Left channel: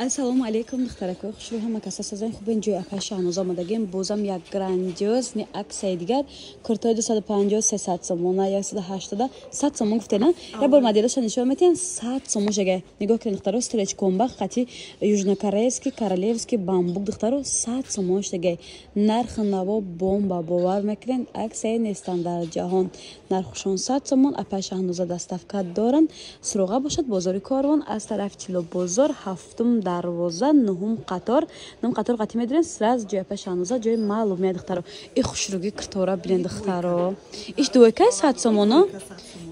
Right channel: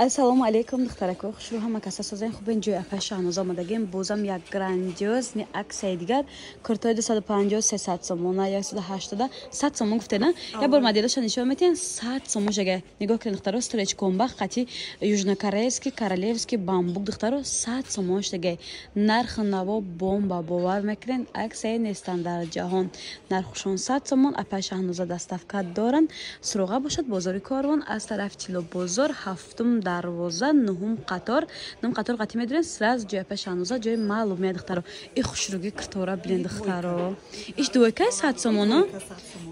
Ассалому алейкум, духтаракои хушрӯ, ҳама каса созен хубен. ҷои Афай Шаҳноз омадагем. Бозам як грандиозни аксияи дигар. Куртои 250 300 сомона, 180 100 сомон гуфтена. Я бор моделаша нишон метен 100 сомон жага. Нигоҳ кунед духтаро, стреч комбах қати южнокорейский, королевский бамбук духтаро 100 сомон штага. Нарх наво бомба бовар мекунед. Аксияи нестан дар ҷаҳон. Нархшон 100 сомон. Афай Шаҳноза доставка доранд. Суроға бошад бозори Корвон аз тарафи Тило бозор 7 дарвоза 9 қатор қати медирен сразу ҷои Афай Шаҳноза ҷои маълумия духтаро. И хушруги киртора билен духтаро. Иш дуойкаш 100 сомоно.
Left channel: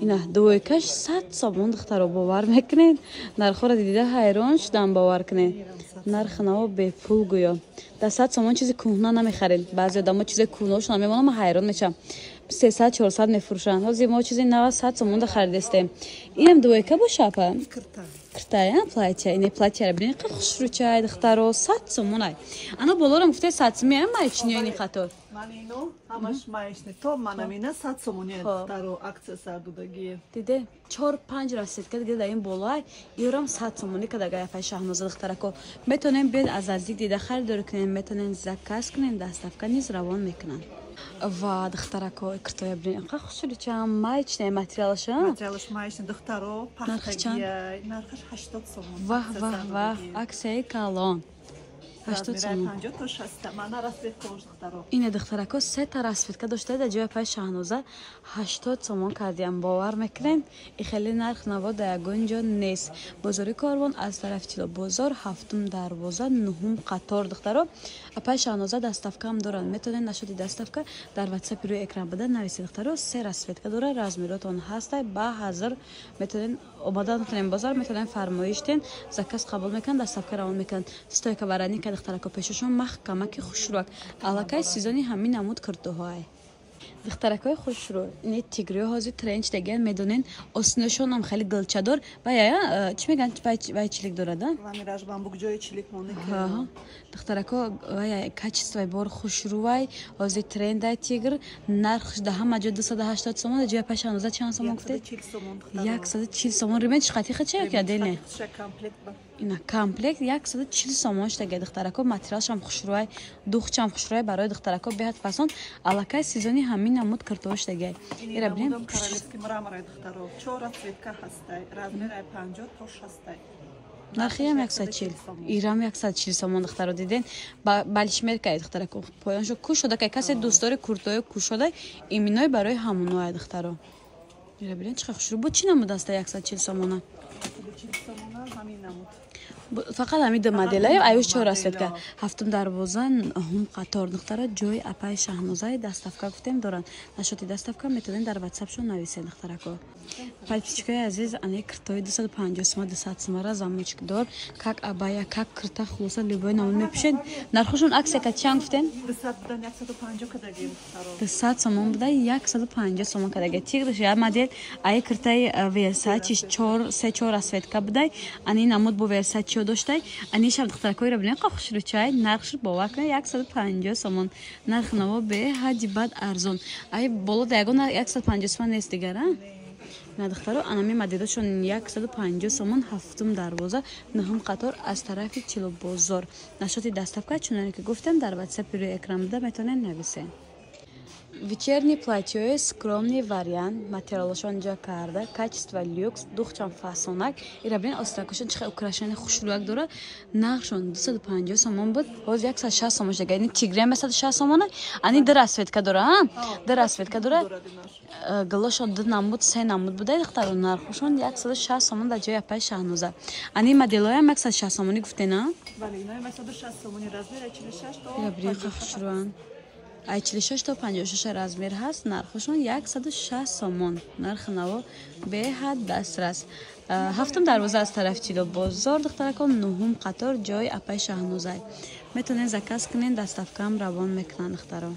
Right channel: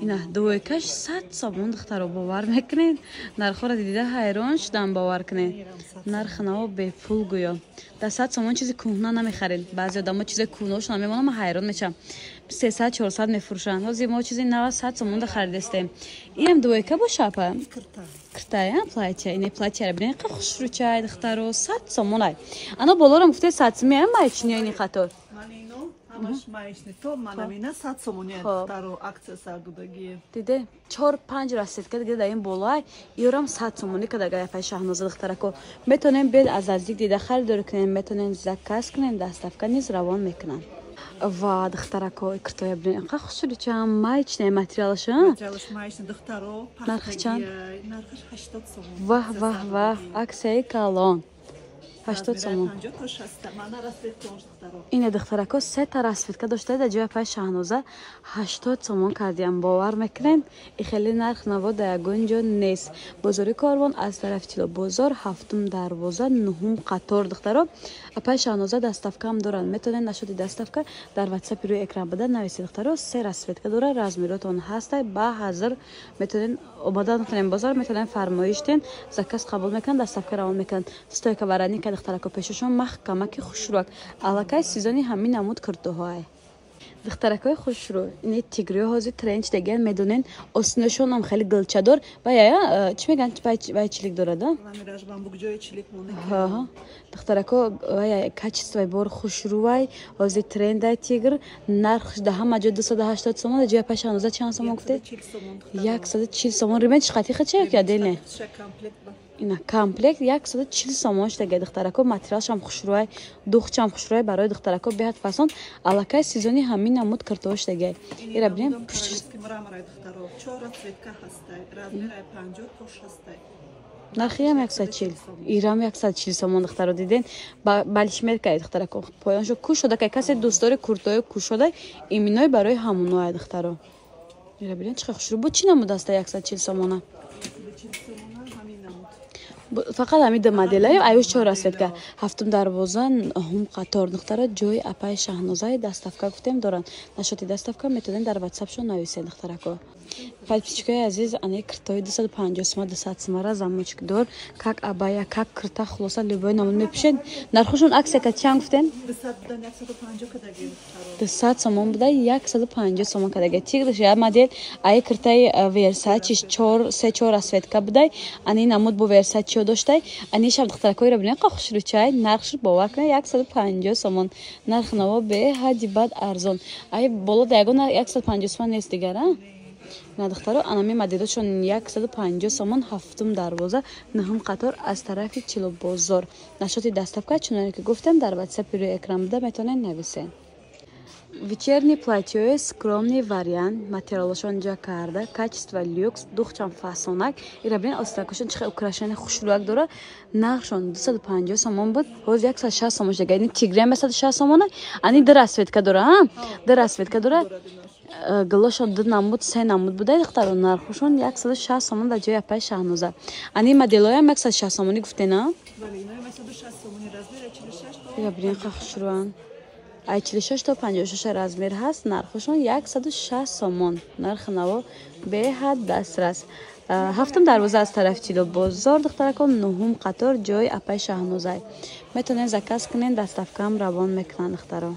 Ина дуойкаш 100 сомон духтаро бовар мекунед. Нархора дида хайрон шудан бовар кунед. Нарх наво бепул гӯё. Да 100 сомон чизи кӯҳна намехаред. Баъзе одамо чизи кӯҳнашон намемонам, ман хайрон мешам. 300 400 мефурӯшанд. Ҳозир мо чизи 90 100 сомон да харидестем. Инам дуойка боша апа. Киртая платья, ине платья бинен қа хушрӯчай духтаро 100 сомонай. Ана болорам гуфте 100 сомон майчни ини қатор. Манино ҳамаш майшни то манамина 100 сомон духтаро акция сардудаги. Диде 4-5 расетка диде да ин болай. Иёрам 100 сомони кадага Афай Шаҳноза духтарако. Метонем бед аз азди дида харидор кунем, метонем заказ кунем, доставка низ равон мекунам. Ва духтарако киртоя бинен қа хушрӯчай майчни материалша. Материалш майшни духтаро пахтаги нархаш 80 сомон. Вах аксияи калон. 80 сомон. Ине духтарако се та расветка доштаи да ҷои Афай Шаҳноза 80 сомон кардиам. бовар мекунем. И хеле нарх наво да ягон ҷо нест. Бозори Корвон аз тарафи Тило бозор 7 дарвоза 9 қатор духтаро. Афай Шаҳноза доставкам доранд. Метонед нашоди доставка дар WhatsApp рӯи экран буда нависед духтаро. се расветка дора, размеротон ҳастай ба ҳазир метонед ободан метонем бозор метонем фармоиш ден заказ қабул мекунанд, доставка равон мекунанд. Стойка вараника духтарако пешашон маҳкамаки хушрӯак. Аллакай сезони ҳамин намуд киртоҳоай. Духтаракои хушрӯ, ини тигриё ҳозир тренч дегар медонен, осиношонам хеле гулчадор ва я чӣ мегӯянд байчилик дорад? Ламираж бамбук ҷои чилик монек. Духтарако ва качествои бор хушрӯай ҳозир трендай тигр нархш да ҳама ҷо 280 сомон, ҷои Афай Шаҳноза чанд сомон гуфте? 140 сомон. Римеч қати хачи кардене? Ина комплект 140 сомон штага духтарако. Материалшам хушрӯай, духчам хушрӯай барои духтарако беҳад фасон. Аллакай сезони ҳамин намуд киртоҳо штага. Ира бинем королевский мраморай духтаро 4 цветка ҳастай, размери 50 то 60. Нархи ҳам 140. Ирам 140 сомон духтаро диден. Балишмеркаи духтарако. Поёншо кушода кай касе дӯстдори куртои кушода иминой барои ҳамуноай духтаро. Ира бинем чӣ хушрӯ бу чӣ намуд аста 140 сомона? 140 сомона ҳамин намуд. Фақат ҳамида моделаи аюш 4 расетка 7 дарвоза 9 қатор духтаро ҷои Афай Шаҳнозаи доставка гуфтем доранд. Нашоти доставка метонед дар WhatsApp шо нависед духтарако. Подписчикои азиз, ане киртои 250 сомон 200 сомон замочек дор, как абая, как кирта хулоса любой номер напишед. Нархушон аксия ка чанд гуфтен? 200 будан 150 кадаги духтаро. 200 сомон буда 150 сомон кадаги. Тигрш я модел ай киртаи Versace 4 расетка будай. Ани намуд бу Versace доштай. Ани шаб духтаракои ра бинен қа хушрӯчай нархш бовар кунед 150 сомон. Нарх наво беҳади бад арзон. Ай боло да ягон 150 сомон нест дигара? На духтаро анами моделашон 150 сомон 7 дарвоза 9 қатор аз тарафи Тило бозор. Нашоти доставка чуноне ки гуфтем дар WhatsApp рӯи экран буда метонед нависед. Вечерний платье скромный вариант, материалшон жакарда, качество люкс, духчам фасонак. Ира бинен остакошон чихе украшени хушрӯак дорад. Нархшон 250 сомон буд, ҳоз 160 сомон шуда. Ини тигрем 160 сомон, ани дар расветка дора, дар расветка дора. Галошо 2 намуд, 3 намуд буда духтаро нархшон 160 сомон дар ҷои Афай Шаҳноза. Ани моделоям 160 сомони гуфтена? Бале, ина 160 сомони размери 46 то. Ира бинен хушрӯан. Ай 46 то 56 размер ҳаст. Нархшон 160 сомон. Нарх наво беҳад дастрас. 7 дарвоза аз тарафи Тило бозор духтарако 9 қатор ҷои Афай Шаҳноза. Метонед заказ кунед, доставкам равон мекунанд духтаро.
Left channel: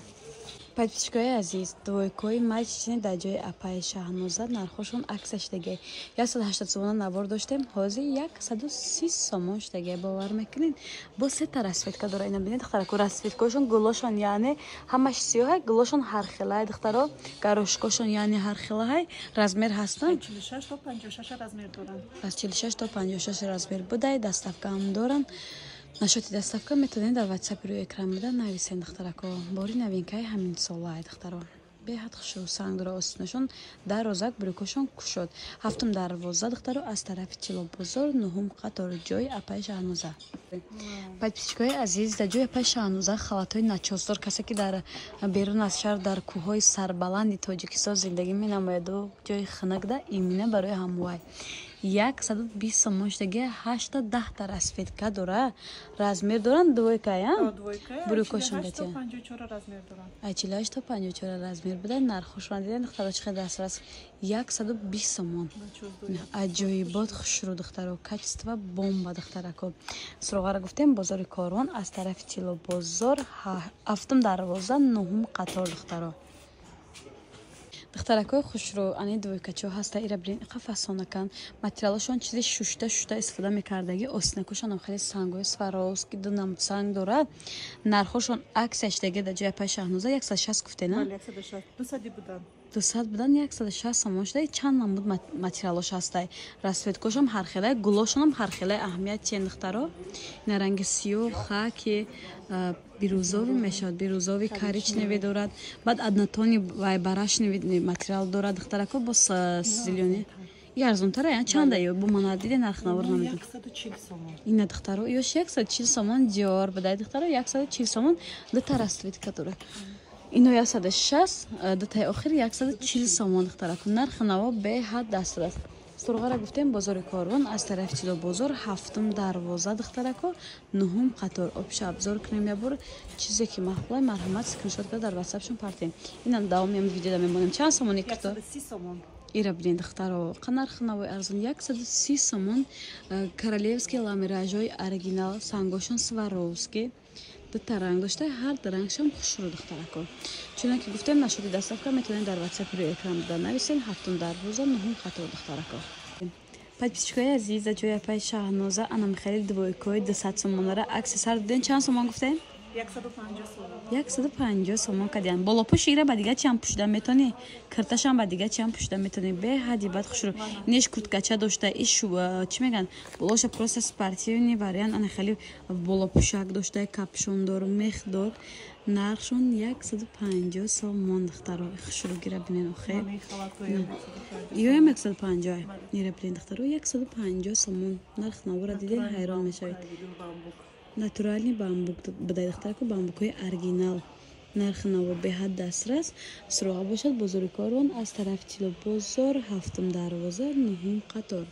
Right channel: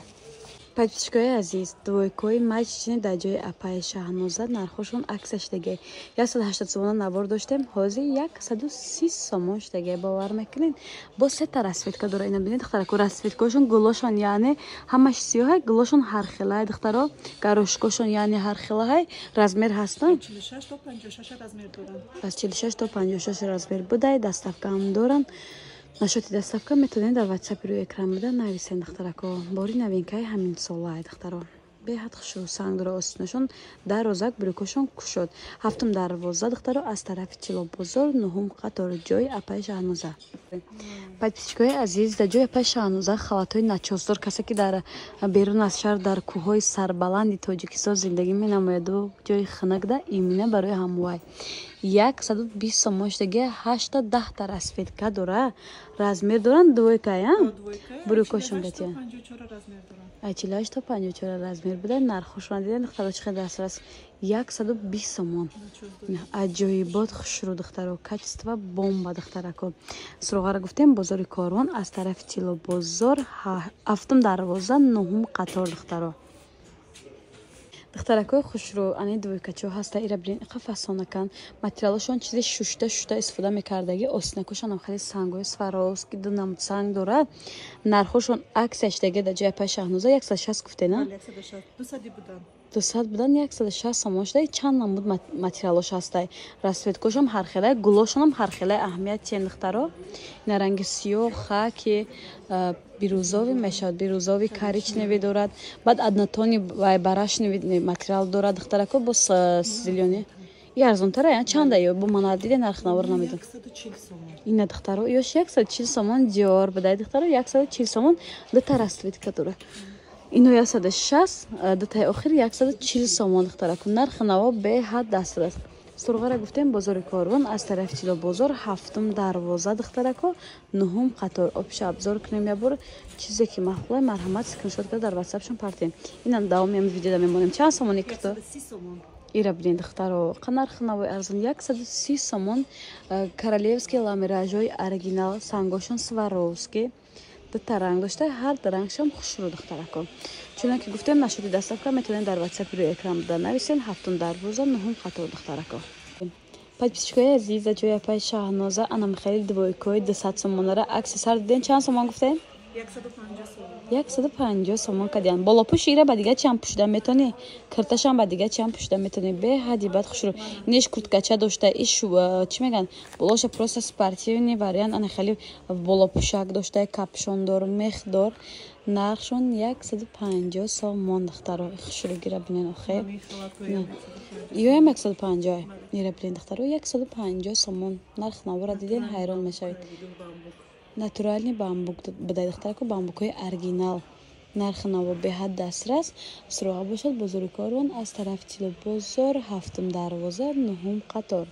подписчикои азиз, двойкои матчини дар ҷои апаи Шаҳноза нархошон акса шудаги 180 сомона набор доштем, ҳозир 130 сомон шудаги. Бовар мекунед? Бо сета расветка дора. Ина бинед духтарако, расветкашон гулошон яъне ҳамаш сиёҳ, гулошон ҳар хелай духтаро, гарошкошон яъне ҳар хелай размер ҳастанд. 46 то 56 размер доранд. Пас 46 то 56 размер будай, даставка ҳам доранд. Нашоти даставка метавонед дар WhatsApp рӯи экран буда нависен духтарако. Бори новинкаи ҳамин солаи духтаро. Беҳад хушрӯ сангдора остинашон дар розак брюкошон кушод. Ҳафтум дарвоза духтаро аз тарафи Тило бозор, нуҳум қатор ҷои апаи Шаҳноза. подписчикои азиз, дар ҷои апаи Шаҳноза халатҳои начосдор, касе ки дар берун аз шаҳр дар кӯҳҳои сарбаланди Тоҷикистон зиндагӣ менамояду ҷои хунакда имина барои ҳамвай 120 сомон шудаги 8 та 10 та расветка дора. Размер доранд двойкаи, брюкошон бетен. 54 размер доранд. 48 та 54 размер буда. Нархошон диден духтаро чӣ қадар аст? 120 сомон. Аҷоибот хушрӯ духтаро, качество бомба духтарако. Суроғара гуфтем бозори Корвон аз тарафи Тило бозор, ҳафтум дарвоза, нуҳум қатор духтаро. духтаракои хушрӯ, ани двойкачо ҳаста, ира бирин иқа фасонакан. Материалошон чизи шушта истифода мекардаги, остинакошон ам хали сангои Сваровски дунам санг дорад. Нархошон аксия шудаги дар ҷои апаи Шаҳноза 160 гуфтена? 160. 200 буданд. 200 будан 160 сомон шудаги. чанд намуд материалош ҳастай. Расветкошон ҳархелай, гулошонам ҳархелай аҳамият чен духтаро. Ина ранги сиёҳ, хаки, бирӯзовӣ мешавад, бирӯзови коричневӣ дорад. Баъд однотони вай барашневӣ материал дорад духтарако бо зелёни. И арзонтара ян чанда ё бо мана диде нарх навор намедон. 140 сомон. Ина духтаро ёш 140 сомон диор будай духтаро 140 сомон дута расветка дора. Ино 160, дутаи охир 140 сомон духтарако. Нарх наво беҳад дастрас. Сурғара гуфтем бозори Корвон аз тарафи Тило бозор, ҳафтум дарвоза духтарако, нуҳум қатор. Обша обзор кунем я бор чизе ки махбулай марҳамат скриншот карда дар WhatsApp-шон партем. Инам давоми ам видеода мемонем. Чанд сомони кито? 130 сомон. ира бинед духтаро, нарх навои арзон 130 сомон. Королевский ламиражои оригинал, сангошон Сваровски. дута ранг дошта, ҳар ду рангшам хушрӯ духтарако. Чунки гуфтем нашоти даставка метавонед дар WhatsApp рӯи экран буда нависен. ҳафтум дарвоза, нуҳум қатор духтарако. подписчикои азиз, дар ҷои апаи Шаҳноза ана михаили двойкои 200 сомонара акси сар диден. чанд сомон гуфтем? 150 сомон. 150 сомон кадиан. Болопӯш ира ба дига чам пӯшидан метавонӣ. Кирташам ба дига чам пӯшидан метавонӣ. Беҳади бад хушрӯ. Ниш курткача дошта, иш чӣ меган? Болоша просто спортивный вариант, ана хали болопӯшак дошта, капшондор, мехдор. Нархшон 150 сомон духтаро. Хушрӯ гира бинен охе. Ё 150. Ира бинен духтаро 150 сомон. Нарх навора диден ҳайрон мешавед. Натуральный бамбук будай духтарако, бамбукҳои оригинал. Нархи наво беҳад дастрас. Суроға бошад бозори Корвон аз тарафи Тило бозор, ҳафтум дарвоза, нуҳум қатор.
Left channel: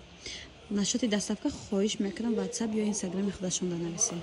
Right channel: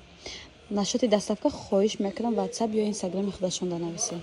Нашоти даставка хоҳиш мекунам WhatsApp ё Instagram худашон данависем.